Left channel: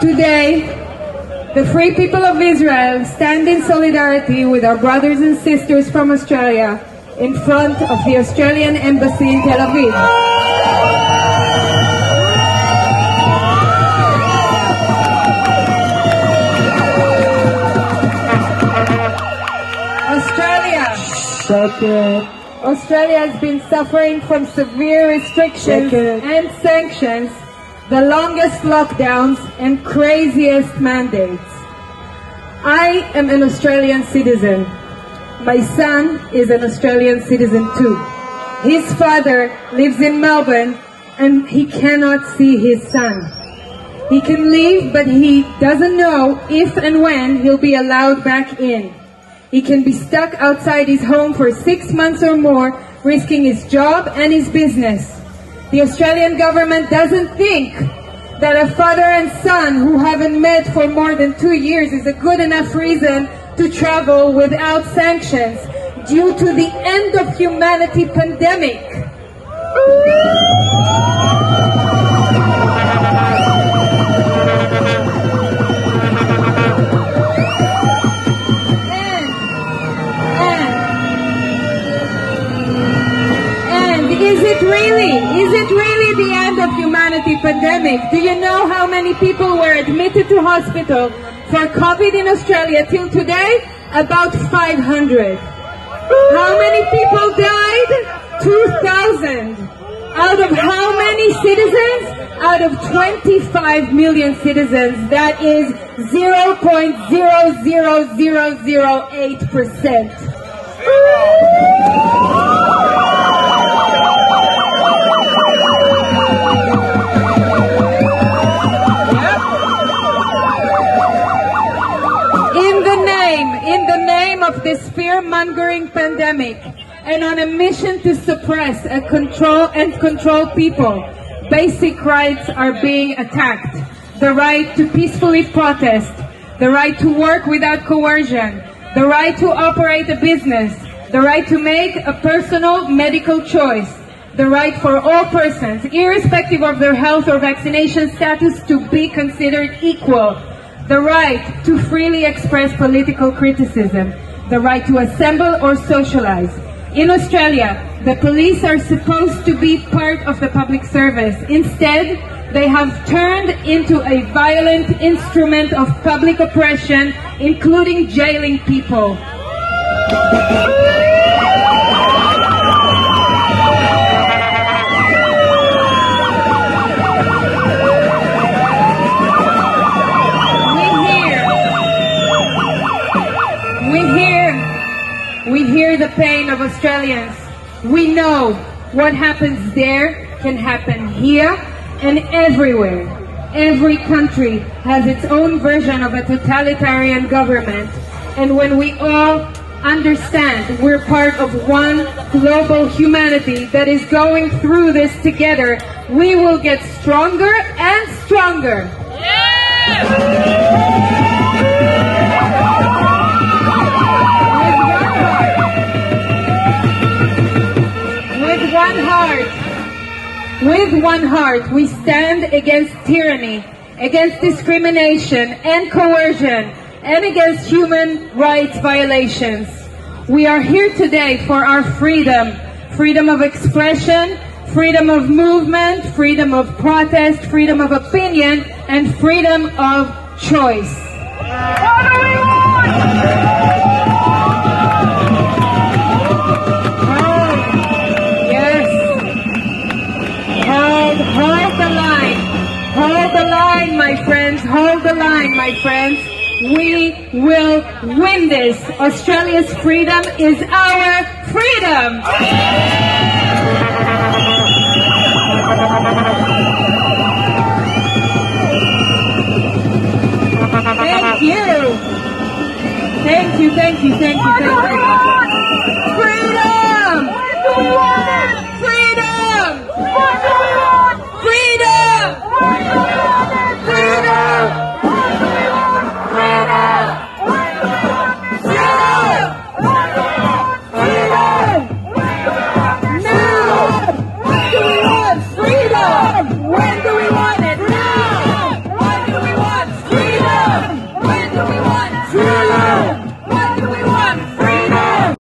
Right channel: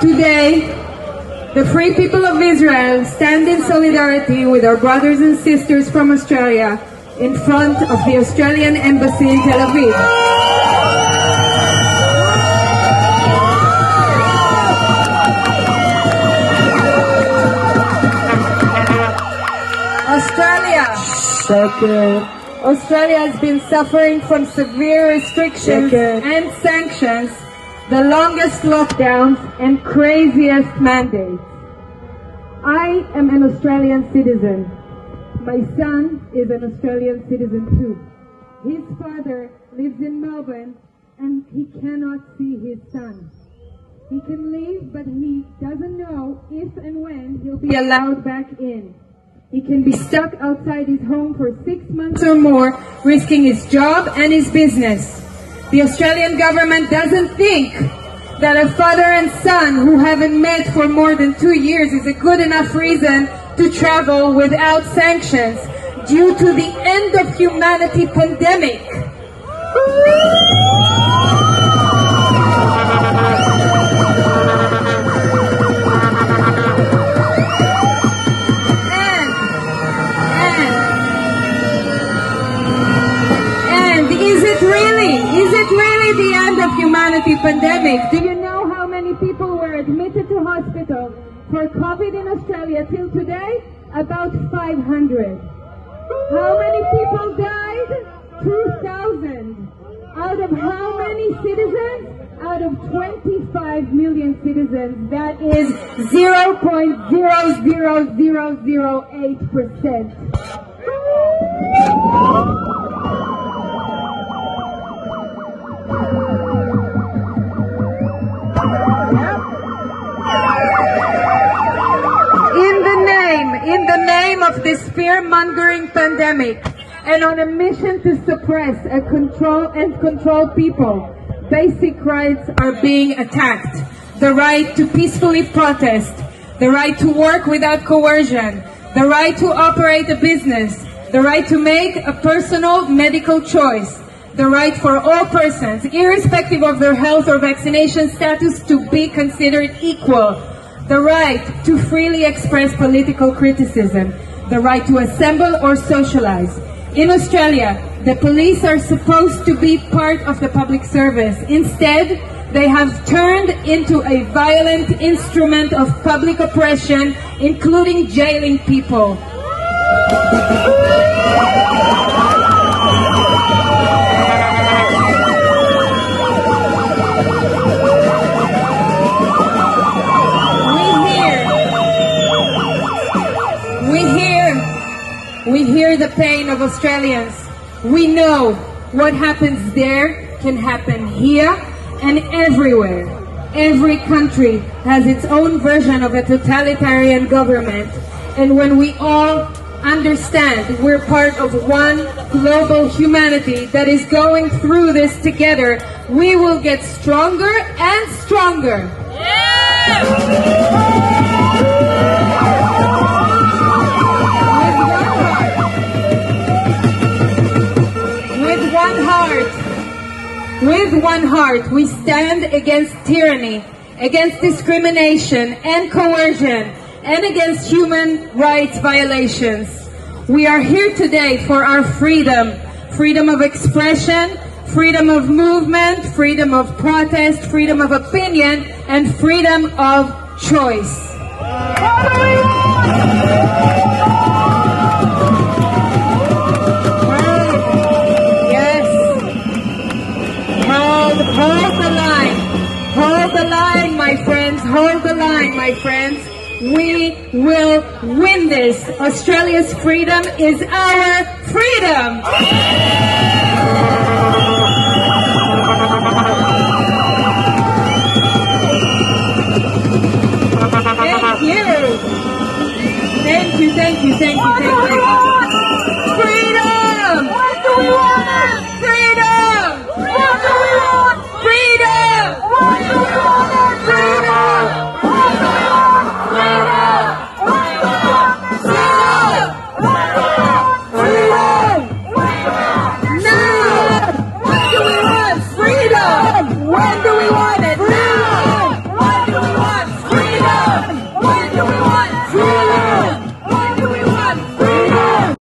Today, the free people of Israel stand in solidarity with our brothers and sisters from Australia in front of the Australian Embassy in Tel Aviv. Australia has been suffering from severe restrictions and sanctions, the longest lockdowns and craziest mandates. I am an Australian citizen. My son is an Australian citizen too. His father lives in Melbourne and he cannot see his son. He can leave, but he doesn't know if and when he'll be allowed back in. He can be stuck outside his home for 6 months or more, risking his job and his business. The Australian government doesn't think that a father and son who haven't met for more than 2 years is a good enough reason to travel without sanctions due to the end of humanity pandemic. Is it really the end of humanity pandemic? Do you know how many people were admitted to hospital for COVID in Australia till today? About 500. How many people died? 2,000. Out of how many citizens? Out of 25 million citizens. That is 0.00008%. In the name of this fear-mongering pandemic, and on a mission to suppress and control people, basic rights are being attacked. The right to peacefully protest, the right to work without coercion, the right to operate a business, the right to make a personal medical choice, the right for all persons, irrespective of their health or vaccination status, to be considered equal, the right to freely express political criticism, the right to assemble or socialize. In Australia, the police are supposed to be part of the public service. Instead, they have turned into a violent instrument of public oppression, including jailing people. We hear the pain of Australians. We know what happens there can happen here and everywhere. Every country has its own version of a totalitarian government. And when we all understand we're part of one global humanity that is going through this together, we will get stronger and stronger. With one heart, we stand against tyranny, against discrimination and coercion, and against human rights violations. We are here today for our freedom, freedom of expression, freedom of movement, freedom of protest, freedom of opinion, and freedom of choice. Hold the line, my friends. Hold the line, my friends. We will win this. Australia's freedom is our freedom. Thank you. Thank you, thank you, thank you, thank you. Freedom! Freedom! Freedom! When do we want it? Now! When do we want We're